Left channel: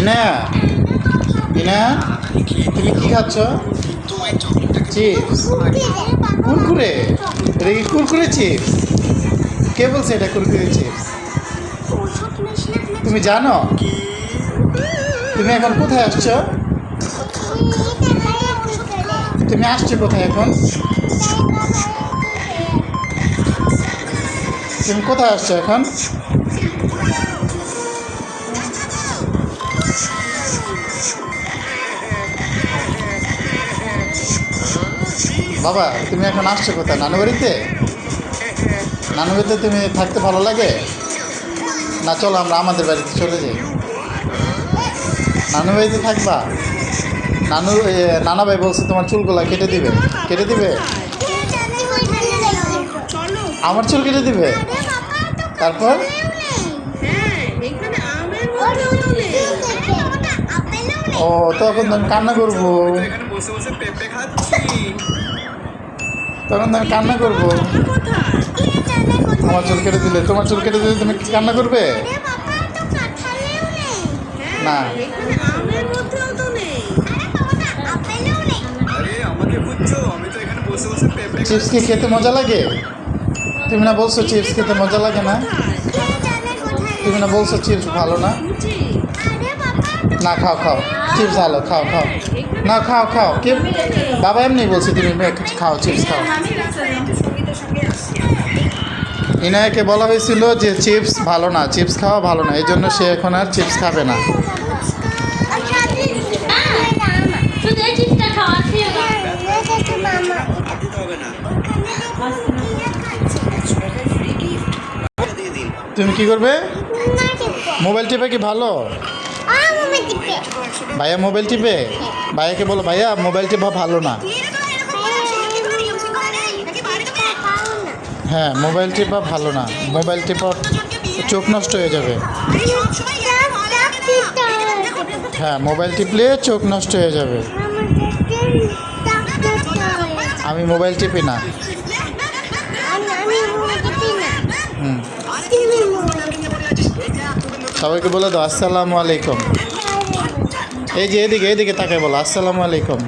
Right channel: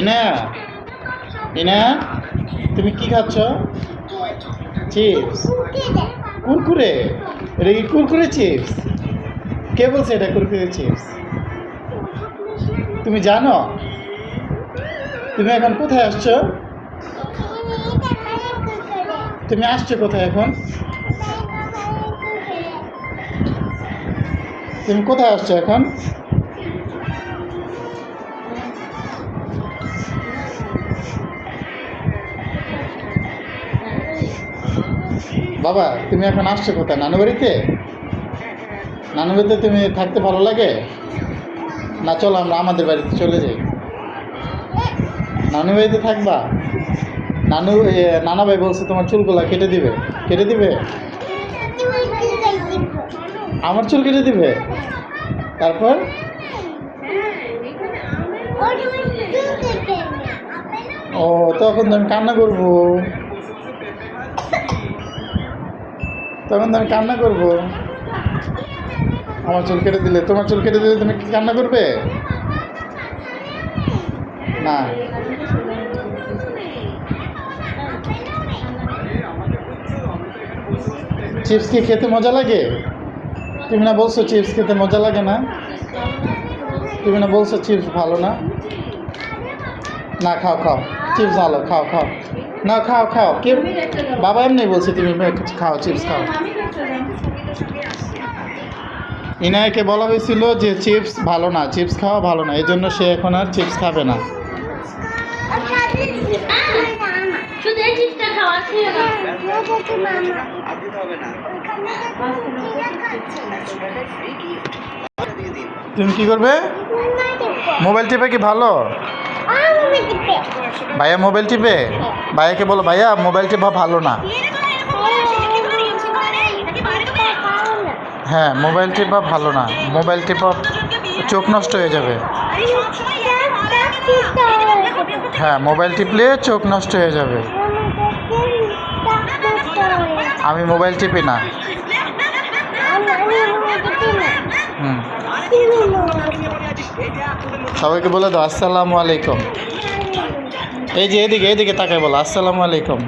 ইনা ইনা তুমি কি খাচ্ছ? চিপস। কুরকুরে? এটা কি কুরকুরে চিপস? কে বলছে এটা কুরকুরে চিপস? তুমি জানো? তুমি এখন কোথায় আসছো? তুমি আসছো কোথায় এখন? তুমি কোথায় আসছো এখন? বাবা তুমি এখন আসছো কোথায়? নানু বাড়িতে? নানু বাড়িতে তুমি থাকতে ভালো লাগে না? চলো আমরা আমাদের বাড়িতে চলে যাই। নানু বাড়িতে থাকবা? নানা ভাই বলছে তোমার চুলগুলা কেটে দিবে। কেটে দিবে? আমার চুল কেটে দিবে? তারপর ও তখন তো আমি কান্না করবো। তখন তো আমি কান্না করবো। আমার চুল কেটে দিলে, তোমার চুল কেটে দিলে তুমি কি কান্না করবে? না। চিপস কি খেতে মজা লাগে? তুমি না বলছো চিপস খেতে মজা লাগে না? তুমি না বলছো চিপস ভালো না? না খাও খাও, চিপস ভালো, খাও খাও। না খাও খাও, কে? বাবা এমনি বলছে তুমি খাও, চিপস খাও। ইনায়কে বলা হয়েছিল যে চিপস ভালো না, চিপস খাওয়া ভালো না, এই জন্য সে এখন আর চিপস খাবে না। তুমি কি করবে? মোবাইল টিপে কি ভালো? ভাইয়া মোবাইল টিপে? ভাইয়াকে বলো ভাইয়া মোবাইল টিপা ভালো না। হ্যাঁ মোবাইল টিপা ভালো না, মোবাইল টিপা চোখ নষ্ট হয়ে যাবে। হ্যাঁ মোবাইল টিপলে চোখ নষ্ট হয়ে যাবে। আমি মোবাইল টিপি না। হুম, সবাইকে বলে দাও আসসালামু আলাইকুম। এই যে এদিকে এদিকে তাকায় বলো আসসালামু আলাইকুম।